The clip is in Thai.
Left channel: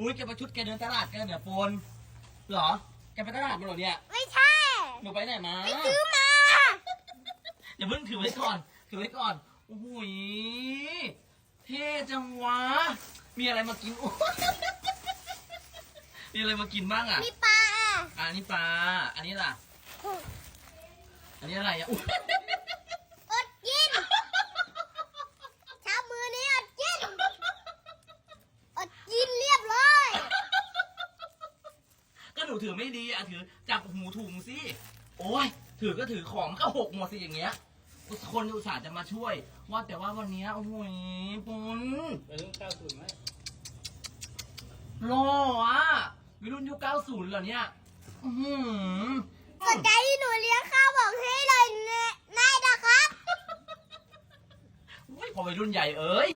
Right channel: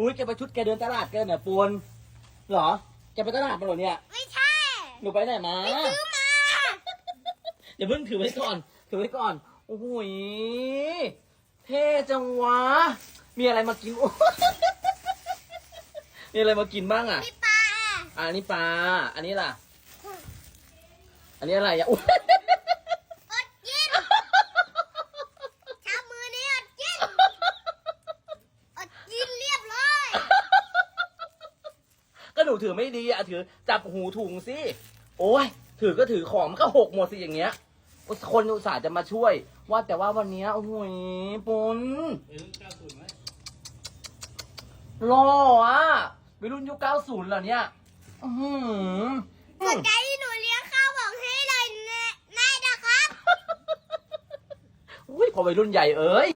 ส่งเนี่ยอุ้ยแกไปชุดแกเดินตลาดแกเนี่ยปูนเหรอแกไปตลาดมาเหรอเนี่ยไม่ใช่ หนูไปไหนมาไปซื้อมาอย่าเพิ่งถือไว้ก่อน ถือไว้ก่อนโอ้โหยเท่จังวะ มีอะไรมากินโอ้มีอะไรมากินบ้างอะมีปลาอะอันนี้ปลา อันนี้ล่ะ อันนี้อะไรอะอุ๊ย อดกินเช้ามือนี้อดกิน อดกินเรียบร้อย ก็ห นูถือไม่ดีอะถือจับหูถุงสิ โอ้ย ถือก็ถือของมันก็หกหมดสิอย่างเงี้ย คนอุตส่าห์จะมาช่วย ว่าแต่ว่าวันเนี้ยโอ้โหยปุนไปรุ่นเก้าศูนย์ไหมหล่ออะไปรุ่นยุค90เหรอเนี่ย อือหือสนใจที่หนูเลี้ยงข้าวบอกให้เลยแน่นะครับ อุ้ยพอไปรุ่นใหญ่เอ้ย